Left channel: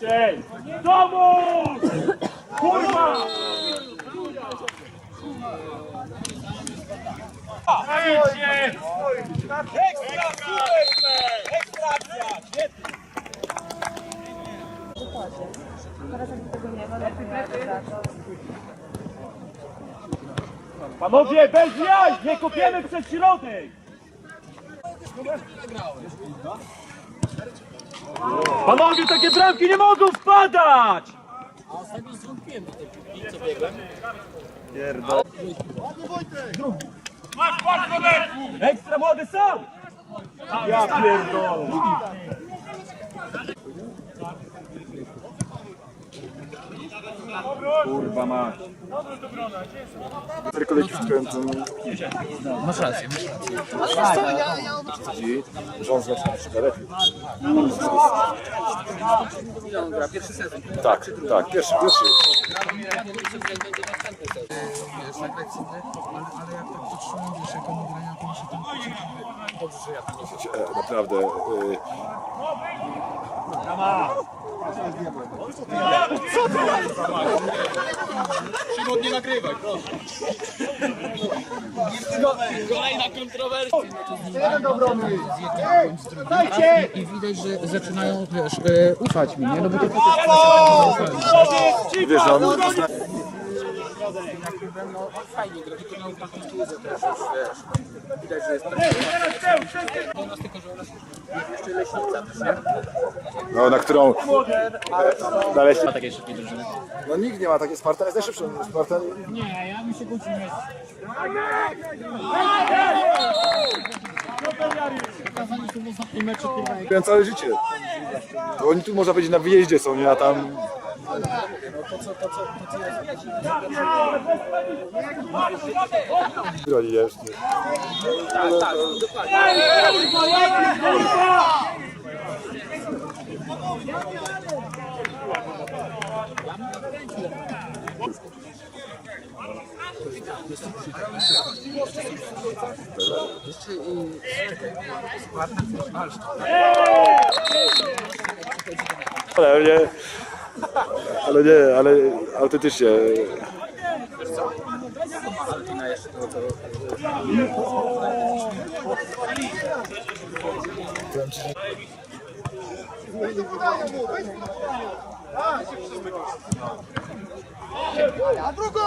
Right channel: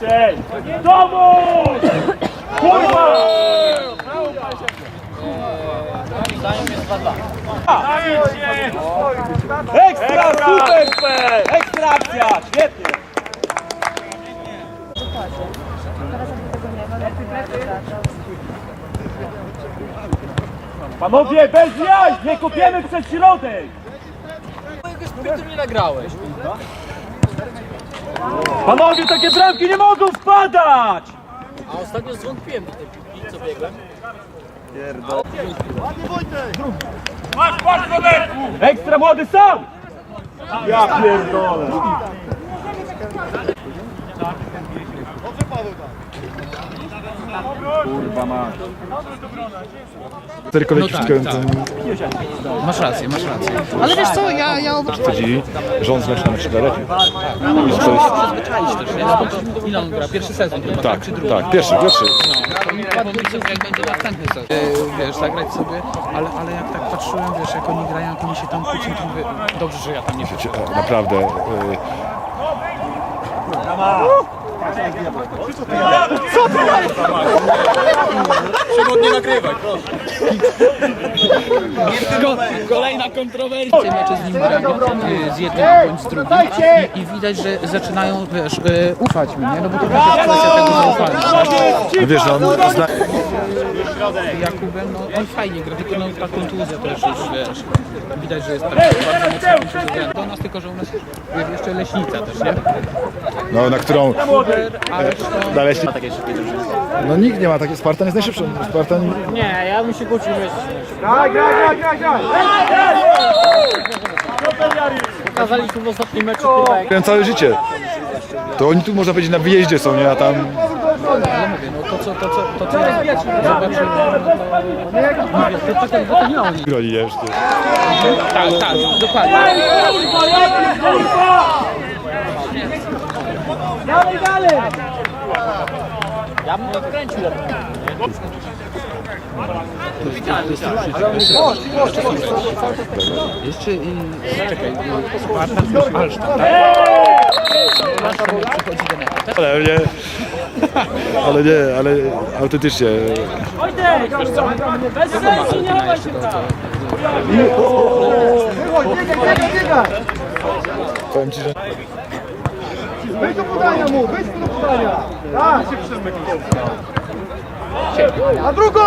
Szybciej! Dowód! Kurwa! Zajęcie! Ekstra, super! Ekstra akcja! Świetnie! Teraz jakby tego nie ma, no to Panowie, bez jaj! Nie kopiemy przez środek! Panowie, takie bramki nie mogą wpadać! A ostatnio zwątpiłem w tej piłki, co biegłem. Ekstra młody sam! Ja pierdolę! Kurwa mać. No tak, tak. Masz rację, masz rację. Ale wiesz co, ja... ja... Rząd zwiększa na 4 lata. Pierwszy sezon, czy drugi? Tak, pierwszy, pierwszy. Wiesz, zagrać sobie, ale, ale jak tak patrzyłem, wiesz, jak oni grają, jak oni się tam kłócą, to mówię, dobrze, że ja tam nie wróciłem. Naprawdę. E, Kolejna kontrowersja. Mecze z nim mają, z jednym bądź z drugim i, i widać, że zaczynają, wiesz, e, ufać mi, nie? No bo to też jest kwestia tego zaufania, tak? No wiesz. Jakubem, no fajnie gra, tylko no i ta kontuzja też jest, wiesz, widać, że jest do nas tylko, że nas jest jeszcze leśnica też, nie? no, na którą... Młody! No nikt nie ma takiej... Spartan jest najszybszy. Spartan... Nie, ja bym się kłócił Graj, graj, graj, graj, graj! Jari! Pokazaliśmy w ostatnim meczu chyba jak całe życie. To oni tu może być na wyjeździe są, nie? Tam... to co, to co, to co jest Ja pierdolę, bez paniki! No i jeszcze. Tak, tak, dokładnie. Kurwa, ja bym odkręcił Jeszcze i... Czekaj. Ale nie... Ale ale... To też nie. Bez sensu, nie chowaj się tam! Powiem ci, że... A drugą!